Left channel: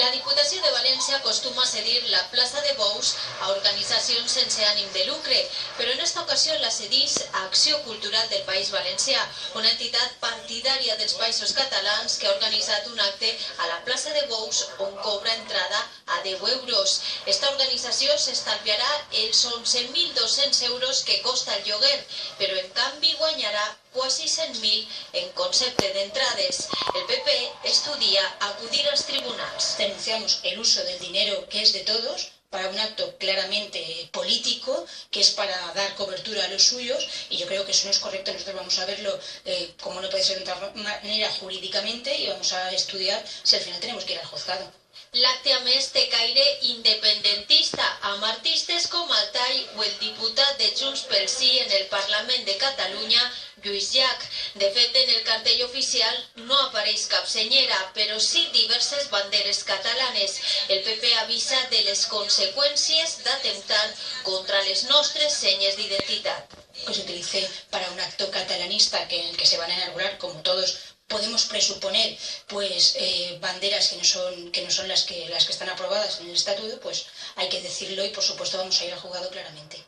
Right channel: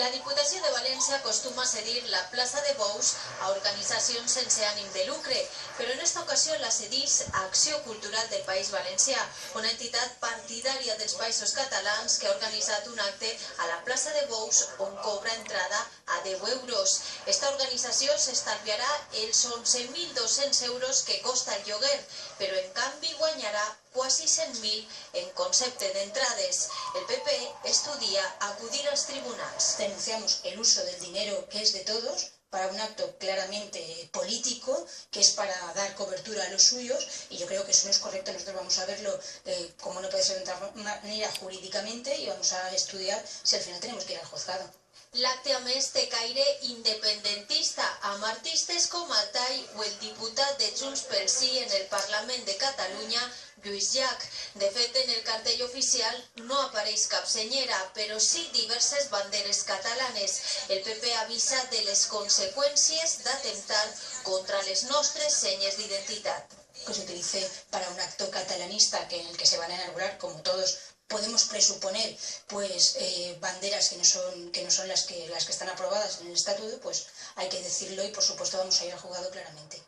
La Diputació de València acostuma a cedir la plaça de Bous a organitzacions sense ànim de lucre, però en esta ocasió la cedís a Acció Cultural del País Valencià, una entitat partidària dels Països Catalans que ha organitzat un acte a la plaça de Bous on cobra entrada a 10 euros. Esta organització s'estalviarà els 11.200 euros que costa el lloguer, però en canvi guanyarà quasi 100.000 en concepte d'entrades. El PP estudia acudir als tribunals. Denunciamos el uso del dinero que es de todos para un acto claramente político, que es para dar cobertura a los suyos, y yo creo que eso no es correcto. Nosotros vamos a verlo, como no puede ser de otra manera, jurídicamente, y vamos a estudiar si al final tenemos que ir al juzgado. L'acte, a més, té caire independentista, amb artistes com Altai o el diputat de Junts pel Sí en el Parlament de Catalunya, Lluís Llach. De fet, en el cartell oficial no apareix cap senyera, però sí diverses banderes catalanes. El PP avisa de les conseqüències d'atemptar contra les nostres senyes d'identitat. Que se utilice para un acto catalanista en el que se van a inaugurar, como todos podemos presuponer, pues banderas que no son las que están aprobadas en el estatuto, pues hay que decirlo y por supuesto vamos a ir al juzgado claramente.